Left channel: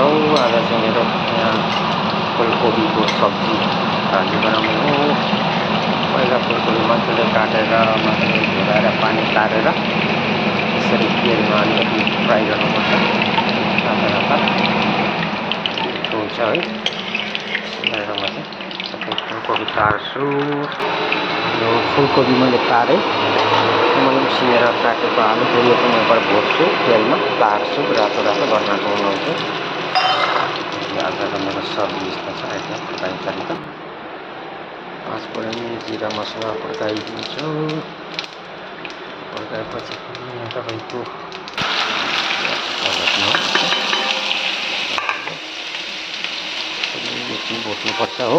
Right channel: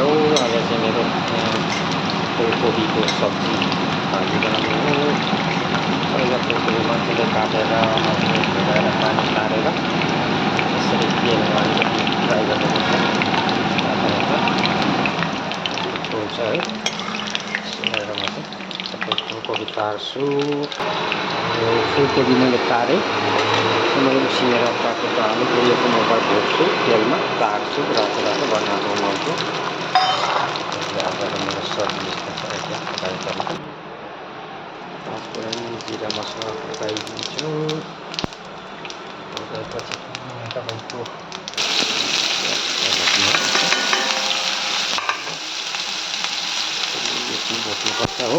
हो आज चाहिँ मेरो फुलकोपीको सब्जी भाजी बनाउने हो। पहिला फुलकोपी मजाले काटेर मजाले धुएर पानी तारेर यसरी तेलमा अलिकति फ्राई गर्नुपर्छ रातो रातो हुन्छ है। गरेर म चाहिँ सबै फुलकोपी तार्छु। यो फुलकोपी मैले तारेँ, मैले उसिनेर काटेको आलु फेरि यो पनि एकबार भर्छु तेलमा तार्छु रातो रातो बनाएको बनाउँछु। आजको मेरो सब्जी यस्तो छ एकदम पकाइ तरिका। पाँचफोरन जिरा मसला पड्काइदिन्छु। पड्काएपछि तपाईँको बेसी भुट्नुपर्छ हो।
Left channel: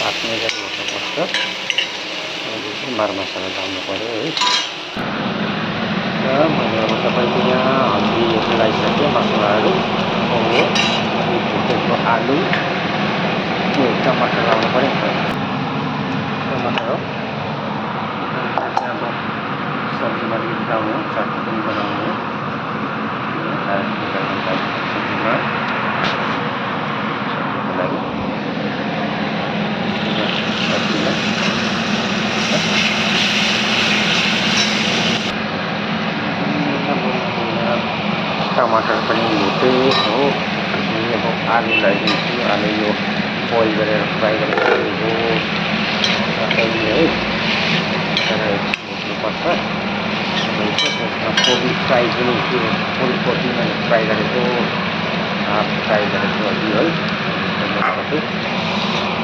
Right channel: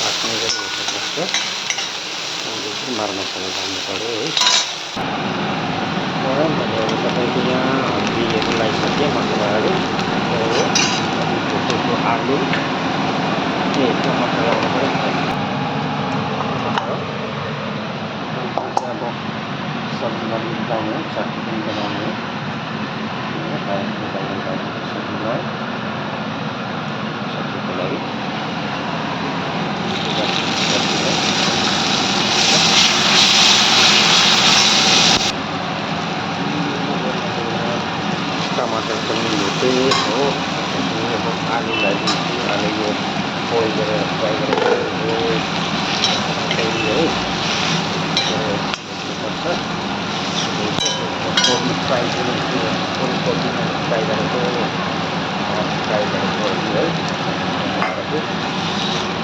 पाक्ने गरी हुनुपर्छ। मरमसला हाल्नु पऱ्यो है। र मैले अब तपाईँको यहाँ हल्दीहरू लगाइसकेँ मसलाहरू। अनि भुटेको आलु टमाटर लगाउनु पऱ्यो टमाटर हो। अब सब्जीमा मिलाउनु हो, चटनी पनि बनाउनु हो। सब्जीमा सब्जीको लागि टमाटर पनि भुटे हो। अब आलु लगाइदिन्छु। आलु यो बोइल गरेर फ्राई गरेको आलु हो है। भुट्नुपर्छ। कोपी फ्राई पनि त्यो फुलकोपी मैले फ्राई गरेको हाफ फ्राई गरेको है।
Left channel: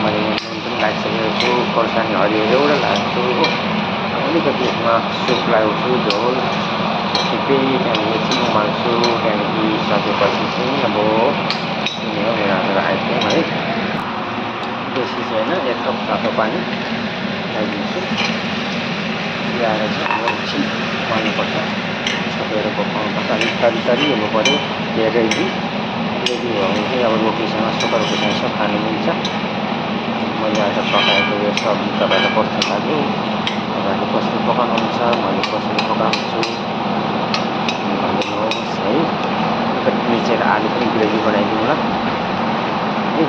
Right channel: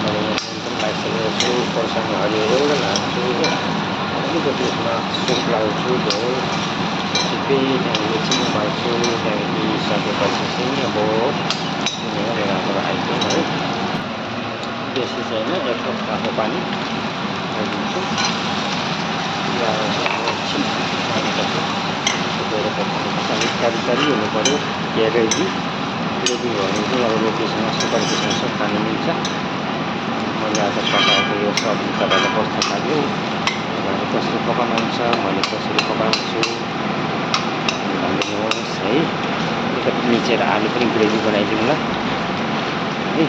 मैले यहाँ नुन पनि लगाइसकेको छु। खोर्सानी हरियो एउटा लाग्छु हो। अब अलिकति यसमा सुप लगाउँछु झोल छिप्पै। त्यहाँदेखि एकछिन उमाल्छु। त्यहाँदेखि सकेपछि चाहिँ अब यो मेरो आजको आइटम है। बेसी चाहिँ होइन, 1 कप तातो पानी लगाइदिन्छु। ल्याएर चाहिँ अब एकछिन उमाल्नुपर्छ। छोपेर पकाउनुपर्छ। अलिक तरी हुनु पऱ्यो ग्रेभी ग्रेभी भयो भने चाहिँ अब रोटीसँग सुकाएर खान्छ खानु मिल्छ। मैले आज पकाएको यो सब्जी तपाईँलाई कस्तो लाग्यो, तपाईँहरू कसरी पकाउनुहुन्छ, मैले कसरी पकाउँछु भनिदिनुहोस् है। अलिकति मिचेर आलु पनि ग्रेभी बनाइदिनु ल है।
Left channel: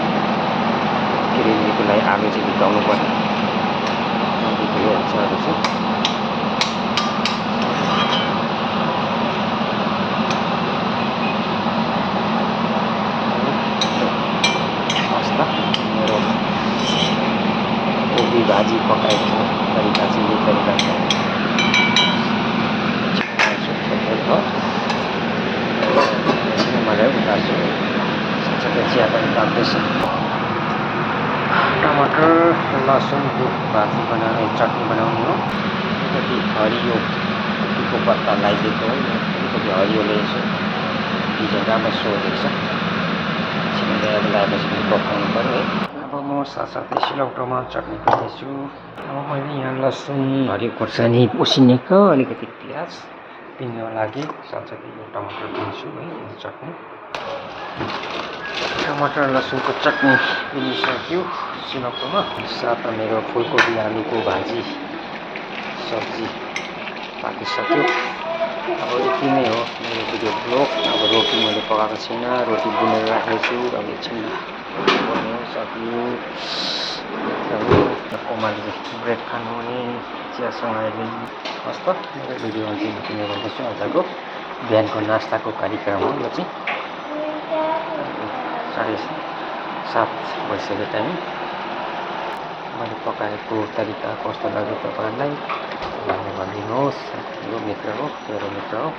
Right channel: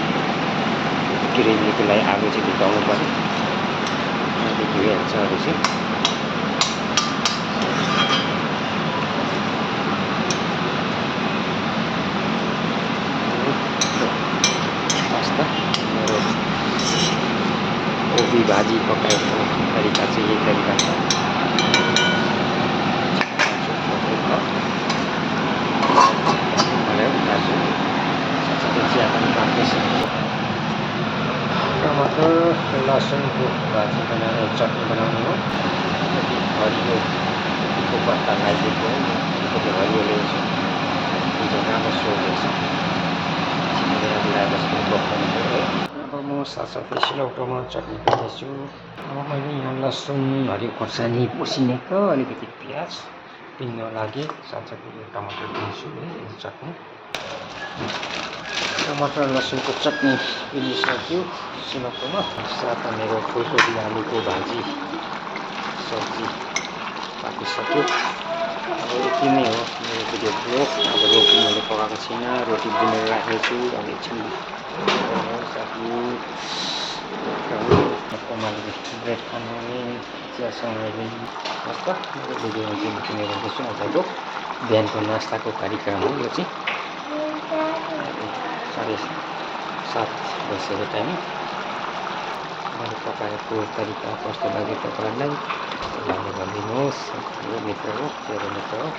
ग्रेभीको लागि आलु चाहिँ भिजाउनु पऱ्यो। भइहाल्छ अरू चाहिँ। मेरो कोपी भाजी पकाएको तरिका चाहिँ यही तरिका छ। मलाई उतार्छु। साथसाथै चिया पनि पाक्दैछ। टमाटर लसुनको भाजी बनाउने चटनी बनाउने हो। अलिकति हरियो कोपीको पत्ता लगाइदिएको हो। अलिकति हरियो ल्याउँछु। डिजाइन राम्रो सोधेको छ। छिमेर अब लगाएपछि पनि पकाउनु पऱ्यो है। अब म साथसाथै सिलौटोमा चटनी बनाउँछु। अब मैले यहाँ लसुन हरियो खोर्सानी उसिनेको अलिकति प्याज पिन्नु लागि साथसाथै यो टमाटर पिन्छु है। चटनी टमाटर लसुनको चटनी पिनिसक्यो सिलौटोमा। साथमा मेरो फुलकोपी आलुको भाजी सब्जी पाकिसक्यो। अब यति नै हो मेरो भिडियो ब्लग। अब रोटी मैले पकाएको छैन, रोटी बुनेर राखेको छु। अब एकछिन साथी कोमाले ब्रेड खानु भने चियासँग हस् त। मेरो भिडियो अन्तिम किनेको छु। आजको बिहानको नास्ताको कार्यक्रम हो यो चाहिँ। 7:30 भइसक्यो टाइम। मैले पकाएको तरिका कस्तो लाग्यो तपाईँहरूलाई भनिदिनुहोस्। यो मित्र हो, मेरो मित्र हो।